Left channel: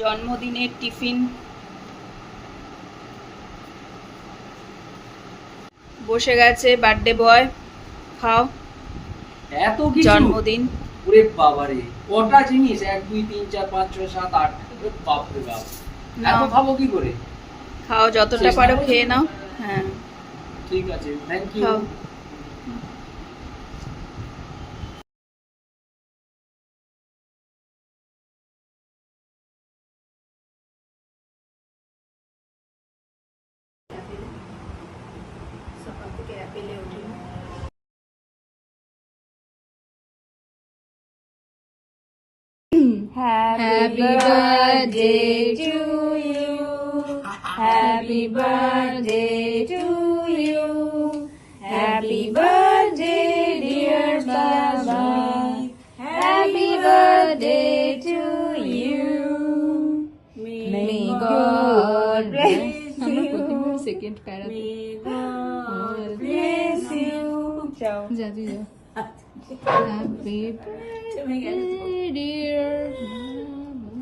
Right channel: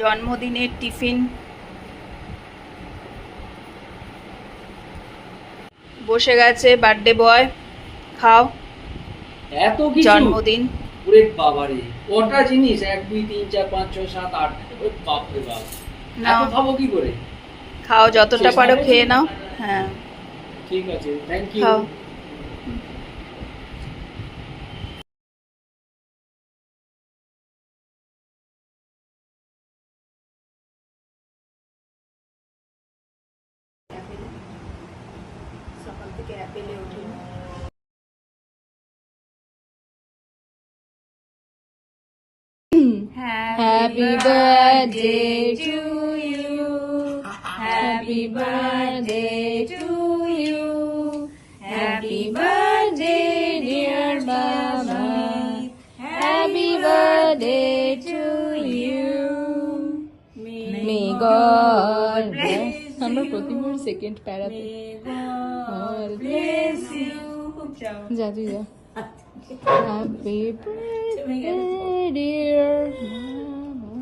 জন্মদিনের টিফিন বসে গেছে, বার্থডে বয়। খাও। এত কিছু জন্মদিন। ওরে বাবারে, কটা জিনিস, 1 2 3 4 5 6 7 8, ওরে বাপ রে বাপ। নাও, খাবো কি করে? খাও, যতটা পারো খেয়ে নাও। হ্যাঁ ঠিক আছে, থ্যাংক ইউ। খাও। সকাল থেকে অ্যাপেলে উঠি। Happy birthday to you. Happy birthday to you. Happy birthday dear Baba. Happy birthday to you. May God bless. আমরা প্রতিবার সেকেন্ড প্যারাতে। God bless you. যা তুই যা। Happy birthday dear Mama.